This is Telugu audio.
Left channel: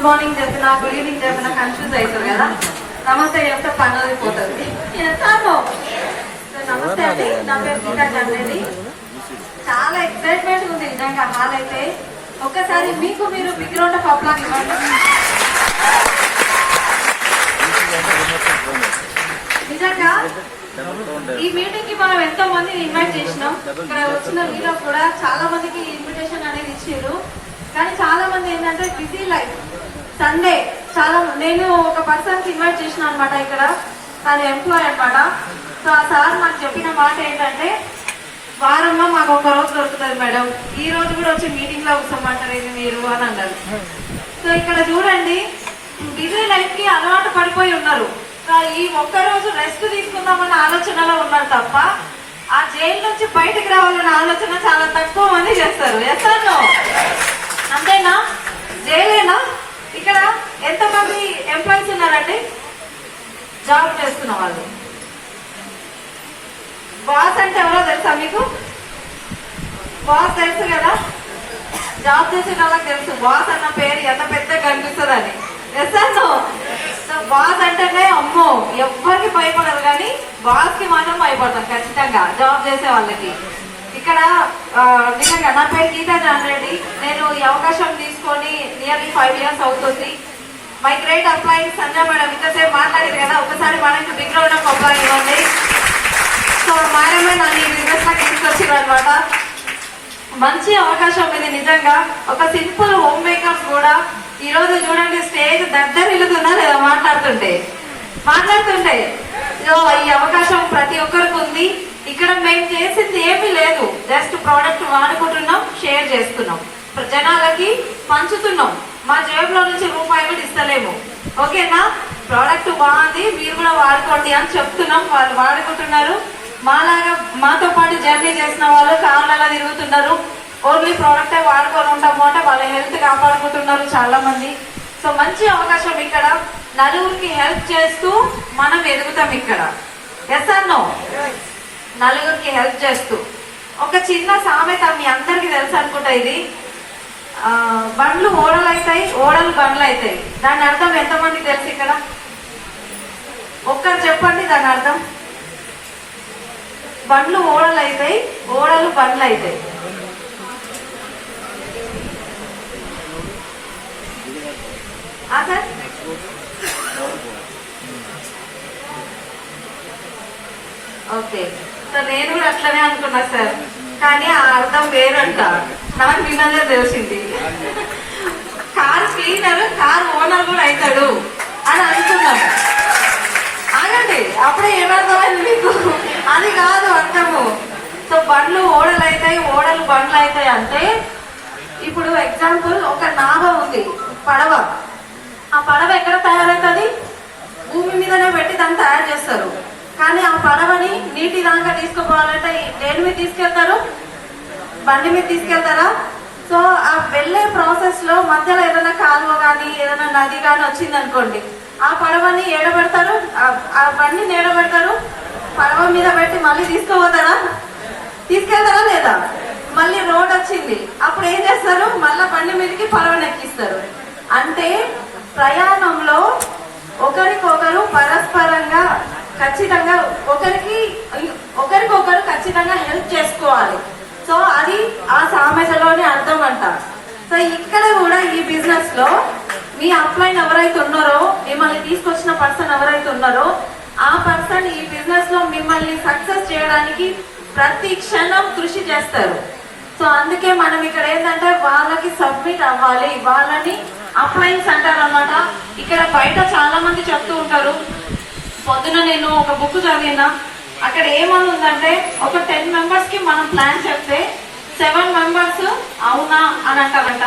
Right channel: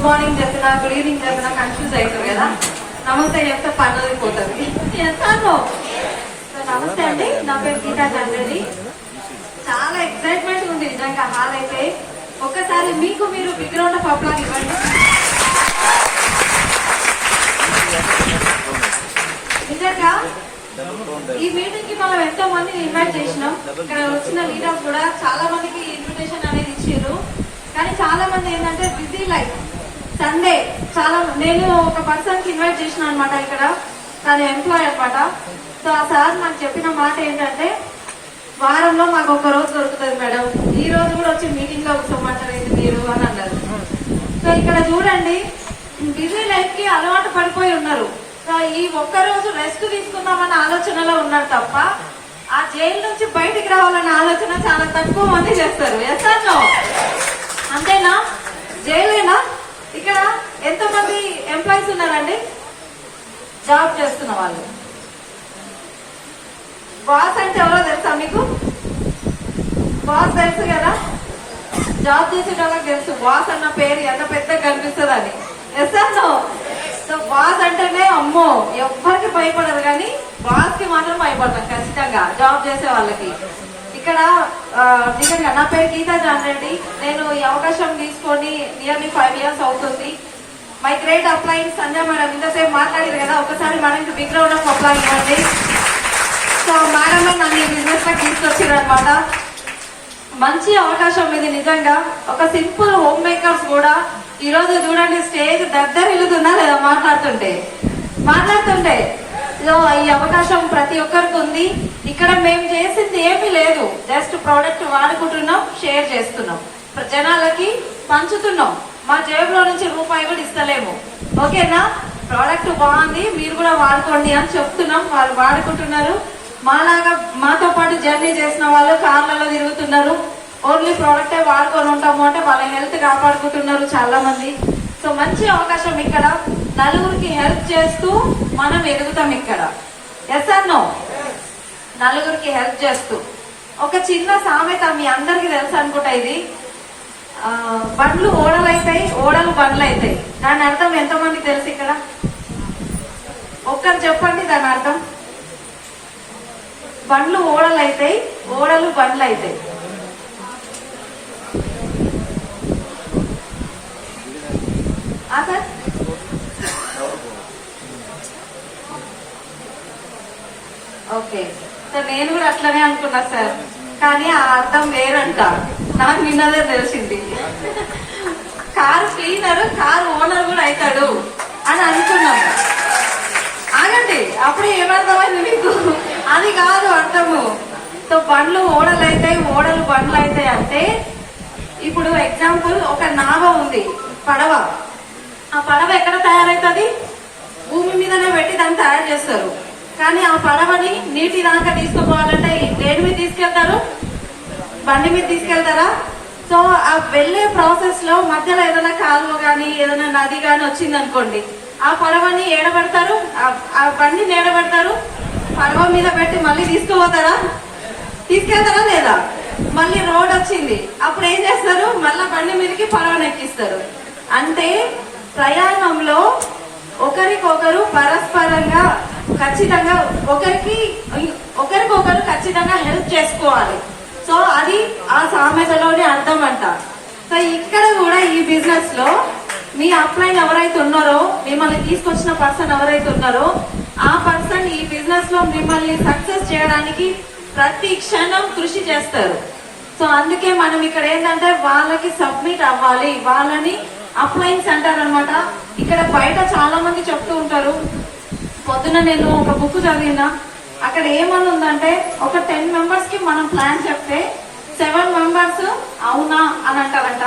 గుడ్ మార్నింగ్ చెప్పినా గుడ్ ఈవినింగ్ చెప్పినా కన్ఫ్యూజ్ అవుతారు కదా. నమస్తే చెప్తే పని పోతుంది. నమస్తే అండి, నా పేరు గీతా చంద్రెడ్డి. చాలా ఎక్సైట్మెంట్ ఉంది నిజంగా. హాల్ అయితే ఒక్కసారి మీకు మీరు బిగ్ రౌండ్ ఆఫ్ అప్లాస్ ఇవ్వండి. నిజంగా ఈ మీటింగ్ కి మనం ఎంతో మందిని ఇన్వైట్ చేసినాం. ఇక్కడ వచ్చిన లీడర్స్ కూడా చాలా మందికి ఇన్విటేషన్ అనేది ఇచ్చారు. కానీ చాలా మంది ఏంటంటే బిజీ లైఫ్, సండే చాలా. నేను ఒక పర్సన్ కి ఇన్వైట్ చేసిన అనమాట. ఇక్కడ తను ఎంప్లాయ్ అనమాట. సో ఆ సార్ నాకు చెప్పిన మాట ఏంటంటే, వారంలో మాకు ఒక రోజు దొరుకుతుంది మేడం, ఈ రోజు కూడా వచ్చి మీటింగ్ లో కూర్చోమంటారు ఇది మీరు అని అన్నారు. సో ఇక్కడ చూడండి, బిజీ లైఫ్ కి అలవాటు పడిపోయి ఉన్నారు. ఈ ఒక్క రోజు రెస్ట్ తీసుకుందామన్న ఆలోచనలో ఉన్నారు తప్ప ఆ జైలు నుంచి బయటకు రావాలన్న ఆలోచన చాలా తక్కువ మంది చేస్తారు. ఎస్ఆర్నో అంతేనా? జైలేనా? ఇక్కడ ఎంతమంది ఎంప్లాయీస్ ఉన్నారండి జాబ్ చేస్తున్న వాళ్ళు? బాస్ అంటే ఎవరో తెలుసా మీకు? బాస్ తెలుసు కదా, జాబ్ చేసే వాళ్ళకి తెలుసు బాస్ అన్న పేరు ఎంత పెద్దగా కనిపిస్తుంది అని. ఎస్ఆర్నో? బాస్ అంటేనే అమ్మో ఎవ్వరికి భయపడరు, కానీ బాస్ కి మాత్రం భయపడతాం ఖచ్చితంగా జాబ్ చేసే వాళ్ళకి. ఇక్కడ నిజంగా నా పేరు గీతా చంద్రెడ్డి. నేను ఈ అవకాశం తీసుకొని నియర్లీ 5 years అవుతుంది. My great apply Sandhya madam ఇంతసేపు మాట్లాడేది కదా, ఒకసారి మనకి బిగ్ రౌండ్ ఆఫ్ అప్లై ఇవ్వండి. సో మేడమే నన్ను ఈ బిజినెస్ లో తీసుకొచ్చారు అనమాట. మంచి అవకాశం ఇది నిజంగా. ఒక సింపుల్ హోమ్ మేకర్స్ కూడా ఈ రోజు చూడండి స్టేజ్ దద్దరిల్లుతుందా లేదా మాట్లాడుతుంటే. ఈ అవకాశం ప్రతి ఒక్కరికి ఉంది. ఇక్కడ మేము చేసింది ఏమీ లేదు, జస్ట్ ప్రోడక్ట్ వాడుకుంటున్నాం, షేర్ చేస్తున్నాం, జనాలకి పంచుతున్నాం. మా జేబులో నుంచి రూపాయి కూడా ఇస్తలేము. ఓకేనా? ప్రోడక్ట్ బాగుంది, మీరు కూడా వాడుకోండి అని చెప్తున్నాం. వాళ్ళు వాడుకుంటున్నారు. మాలాగా మాతో పాటు జర్నీ చేసిన వాళ్ళు కార్లలో తిరుగుతున్నారు. ఓన్లీ ప్రోడక్టే వాడుకొని ఉంటాము అంటే వాళ్ళ హెల్త్ కాపాడుకుంటున్నారు చాలా మంది. సో మంచి అవకాశం ఇక్కడ. నలుగురికి హెల్ప్ చేస్తూ మనం ఎదుగుతాం ఇక్కడ. ఎస్ఆర్నో? నలుగురికి హెల్ప్ చేస్తూ. ఒక చిన్న సామెత మీ అందరికి తెలుసు అనుకుంటా ఇది, బండ్లు ఓడలు అవుతాయి, ఓడలు బండ్లు అవుతాయి. దాని అర్థం ఎంతమంది తెలుసు ఇక్కడ? ఒక్కరు చెప్పండి దాని అర్థం. బండ్లు ఓడలు అవుతాయి, ఓడలు బండ్లు అవుతాయి. సార్ ఓకే సార్, నేను కూడా అట్లనే అనుకున్నా సార్, కానీ ఆ అర్థం వేరంట. నాకు విన్నదే తెలిసింది. కారు క్లీనర్ కారు ఓనర్ కూడా అవుతాడు అని అనుకున్నాము. ఆగండి, అప్పుడే ఏమర్థమైంది మీకు? అది కాదు అర్థము. సో బండ్లు ఓడలు అవుతాయి, ఓడలు బండ్లు అవుతాయి అంటే, ఇప్పుడు ఎగ్జాంపుల్ ఒక నావ ఉంది, పడవ. ఆ పడవ ఎక్కడ తయారవుతుంది? భూమి మీదనే పెట్టి దాన్ని తయారు చేస్తారు. కానీ ఆ పడవని నీటి దాకా తీసుకుపోవాలంటే దేని మీద తీసుకెళ్తారు? బండి మీద తీసుకెళ్తారా? సో ఆ వెళ్లే ప్రాసెస్ లో మధ్యలో ఏదైనా కాలువ గాని ఏదైనా నది గాని వచ్చింది అనుకోండి, ఆ పడవని ఏడబెడతారు, ఆ బండిని ఏడబెడతారు, పడవ మీద పెట్టి మళ్ళీ తీసుకుపోతారా? తీసుకెళ్తారా లేదా? మళ్ళీ రోడ్ వచ్చింది, అప్పుడు ఏం చేస్తారు? మళ్ళా బండి మీదకి పడవని ఎక్కిస్తారు. అంటే ప్రయాణంలో ఒకరికొకరు పరస్పరంగా ఖచ్చితంగా ఒకరికొకరు ఖచ్చితంగా హెల్ప్ చేసుకోవాలి. సో అది ఆ సామెతలోని అర్థం అంట. సో ఇక్కడ కూడా ఈ బిజినెస్ లో మీ అప్లైన్ ఎవరైతే ఉన్నారో, మిమ్మల్ని తీసుకొచ్చిన పర్సన్ ఎవరైతే ఉన్నారో, ఆ పర్సన్ ఈ బిజినెస్ లో మిమ్మల్ని సక్సెస్ చేయడానికి ప్రతి క్షణం కృషి చేస్తారు. సో అందుకే మనం ఇక్కడ ఏంటంటే వాళ్ళకి సబ్మిట్ అవ్వాలి, వాళ్ళని అప్లైన్స్ అంటారు అనమాట. ఇక్కడ బయట చాలా మంది చెప్తూ ఉంటారు. పొద్దున నేను ఒక బుక్ చదివినా, అక్కడ ఏమని ఉందంటే, ఒక 10 members కి మనం ప్లాన్ చెప్తే 7 members అవునా అని అంటారంట.